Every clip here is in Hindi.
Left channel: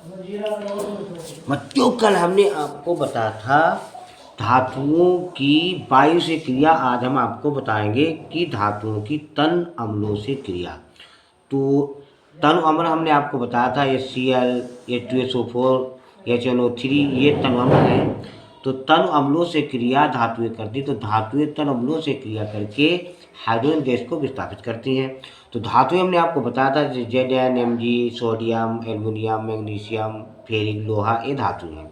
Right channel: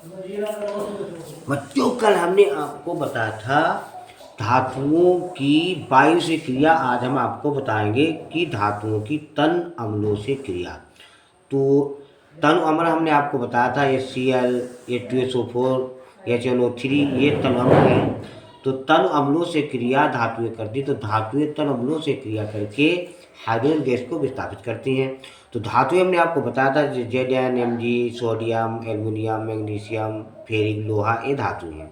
बच्चों कल हमने आपको बताया था धातुओं की वायु से क्रिया। आज हम आपको बताएंगे कि धातुओं की तन अम्लों से क्रिया। तो तन अम्ल हमने आपको बताया था HCl, H2SO4, HNO3 ये तन अम्ल हैं। तो तन अम्लों से क्रिया धातुएं करती, तो धातुएं तन अम्लों से क्रिया करके हाइड्रोजन गैस को विस्थापित करती हैं। तो धातुएं हमने आपको बताया था Zn, Mg, sodium, aluminium, magnesium, ferric, लोहा ये धातु हैं।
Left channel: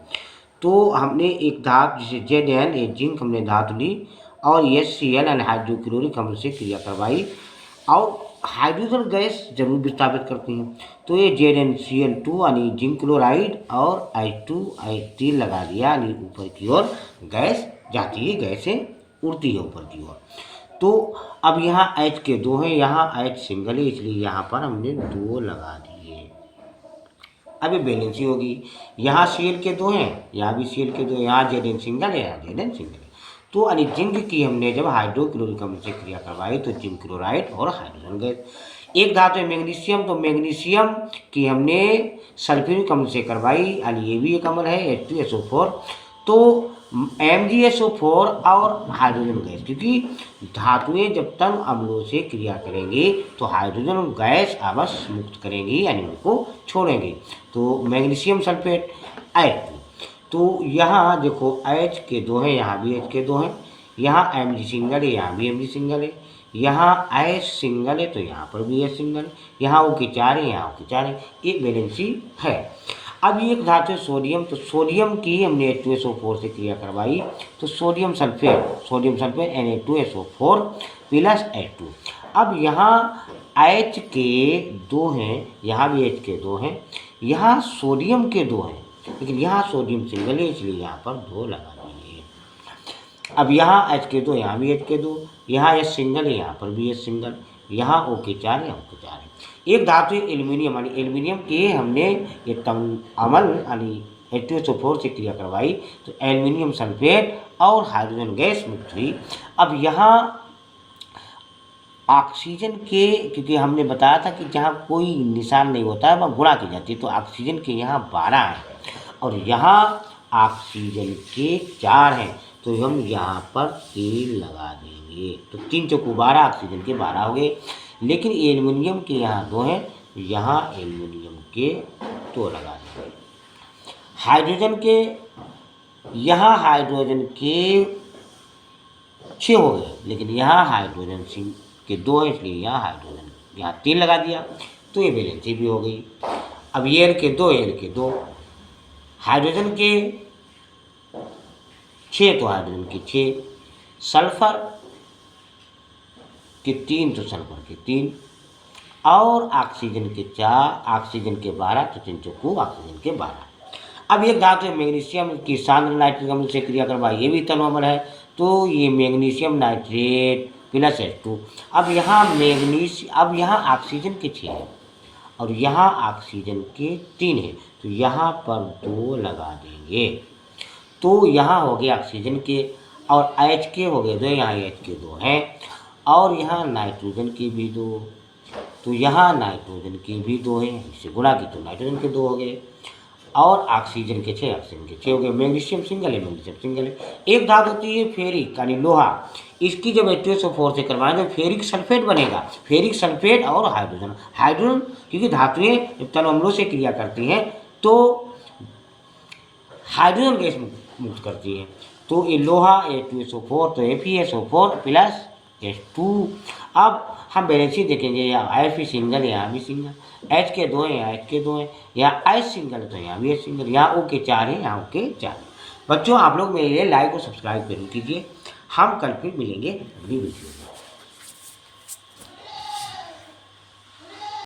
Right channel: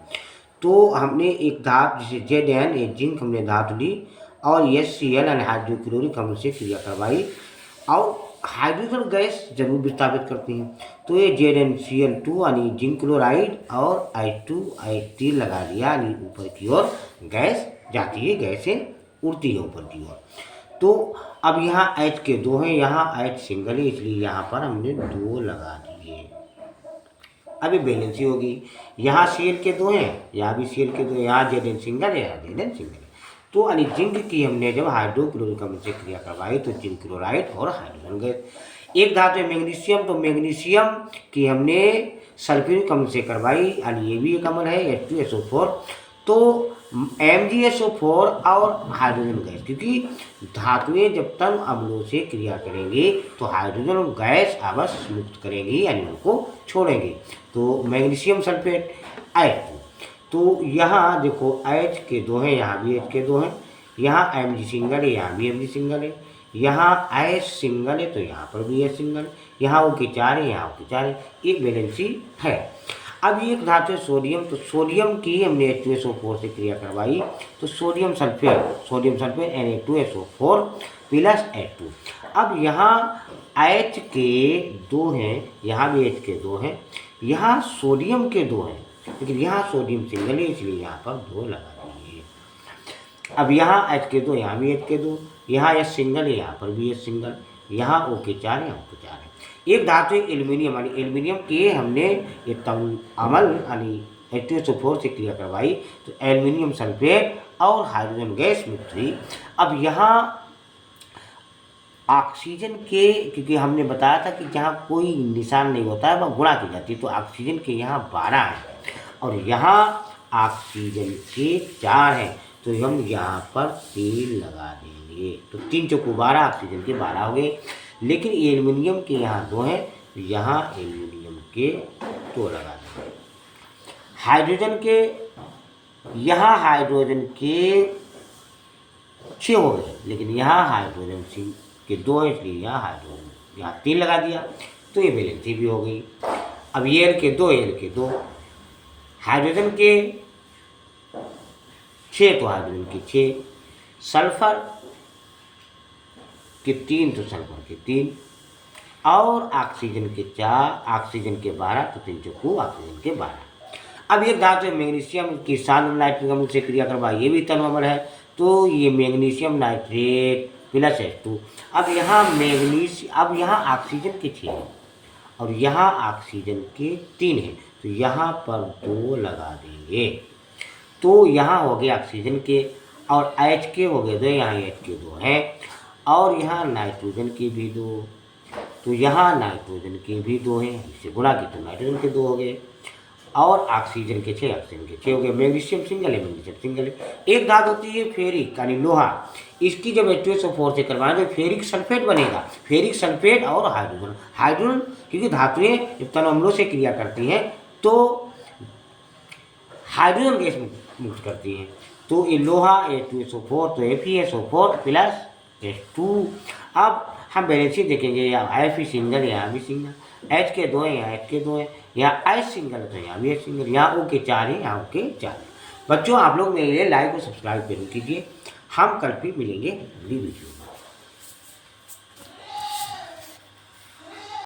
तो हमने एक धातु जैसे Zn ये जिंक हमने धातु ली और HCl हाइड्रोक्लोरिक अम्ल से क्रिया करवाई और हाइड्रोजन गैस जरूर विस्थापित करती हैं। तो ये ZnCl2 यानी जिंक क्लोराइड और H2H3 लगा दिया यानी ऊपर की ओर गैस जाती है, गैसें उड़ती है ऊपर की ओर। तो अब यहाँ H के दो हैं, यहाँ H सिंगल है, इसलिए यहाँ पर हमने दो लगा दिए। अब ये बैलेंसी होगी। यहाँ Cl के दो हैं, यहाँ भी Cl के दो, यहाँ Zn सिंगल है, यहाँ Zn सिंगल है। तो यानी जिंक की हमने जब हाइड्रोक्लोरिक अम्ल से क्रिया करवाई तो जिंक क्लोराइड और हाइड्रोजन गैस। एक धातु है मैग्नीशियम, तो मैग्नीशियम की हमने सल्फ्यूरिक अम्ल से करवाई यानी ये भी एक अम्ल है H2SO4। तो MgSO4 और हाइड्रोजन गैस, क्योंकि धातुएं जब तन अम्लों से क्रिया करेंगी तो हाइड्रोजन गैस अवश्य मुक्त करेंगी यानी उनको छोड़ेंगे। तो मैग्नीशियम सल्फेट H2। तो यहाँ देखो H के दो हैं, यहाँ भी H के दो हैं, यहाँ Mg सिंगल है, यहाँ भी Mg सिंगल है, यहाँ H सिंगल है तो यहाँ पर भी H सिंगल है, यहाँ O के चार है, यहाँ O के चार है, एक वैलेंसी है। अब एक धातु है सोडियम, तो सोडियम की हमने H2SO4 से क्रिया करवाई तो sodium sulphate Na2SO4 plus H2। अब यहाँ H के दो हैं, यहाँ भी H के दो हैं, यहाँ सोडियम के दो हैं, लेकिन यहाँ सोडियम सिंगल है इसलिए यहाँ पर दो लगा दीजिए। अब यहाँ H के दो, यहाँ भी H के दो, यहाँ H सिंगल है, यहाँ पर भी H सिंगल, यहाँ O के चार है, यहाँ O के चार है। एक धातु है एल्यूमिनियम, यानी एल्यूमिनियम के हमने ये अम्ल यानी H2SO4 से क्रिया करवाई तो एल्यूमिनियम सल्फेट और हाइड्रोजन गैस मुक्त हुई। अब यहाँ ऑक्सीजन के, क्योंकि हमने बताया था कि जहाँ कोई निशान नहीं होता है वह गुणा की जाती है, तो ऑक्सीजन के यहाँ 12 हैं और यहाँ ऑक्सीजन के 4 हैं, तो हम यहाँ पर 3 लगा देंगे। तो 3 चौको 12, ऑक्सीजन के 12 हो गए। लेकिन एल्युमिनियम के यहाँ 2 हैं, तो यहाँ एल्युमिनियम के 2 लगा देंगे। हाइड्रोजन के, यहाँ हाइड्रोजन के 6 हो गए, लेकिन यहाँ हाइड्रोजन के 2 हैं इसलिए यहाँ हाइड्रोजन यहाँ 3 लगा दिया, तो ये वैलेंसी भी हो गई। अब एल के 2 हाइड्रोजन के 6 तो हाइड्रोजन के 6, सल्फर के 3 तो सल्फर के 3 और ऑक्सीजन के 4, ऑक्सीजन के 12 तो 3 चौको ऑक्सीजन के 12। अब एक धातु है मैग्नीशियम की सांद्र नाइट्रिक अम्ल से क्रिया करवा, ये भी तन अम्ल है, तो ये मैग्नीशियम नाइट्रेट प्लस H2। अब यहाँ ऑक्सीजन के 6 हैं और यहाँ ऑक्सीजन के 3 हैं, तो यहाँ पर 2 लगा देंगे। तो यहाँ हो गए ऑक्सीजन के और H के हो गए 2, यहाँ H के 2 हैं और यहाँ नाइट्रोजन के भी 2, तो यहाँ नाइट्रोजन के भी 2 हैं, इससे गुणा की तो नाइट्रोजन के 2 हो गए और ऑक्सीजन के 6, ऑक्सीजन के 6 हो गए। मैग्नीशियम सिंगल है, मैग्नीशियम सिंगल है। एक धातु होती है फेरिक यानी लोहा, इसकी जब H2SO4 से करवाएं तो फेरिक सल्फेट बनेगा, फेरिक सल्फेट और हाइड्रोजन क्योंकि धातुएं जब तन अम्लों से क्रिया करती हैं तो हाइड्रोजन गैस मुक्त करती हैं। तो ये लोहा H2SO4 तो FeSO4 प्लस H2। अब हम बैलेंसी देखेंगे, यहाँ Fe सिंगल है, यहाँ भी सिंगल, H के 2 हैं, यहाँ H के 2 हैं, यहाँ H सिंगल है तो यहाँ भी H सिंगल, यहाँ O के 4 हैं, यहाँ O के 4 हैं। बच्चों आप लोग मेरे लिए लाइक और सब्सक्राइब जरूर कीजिए। हम कल फिर मिलेंगे अगली वीडियो में।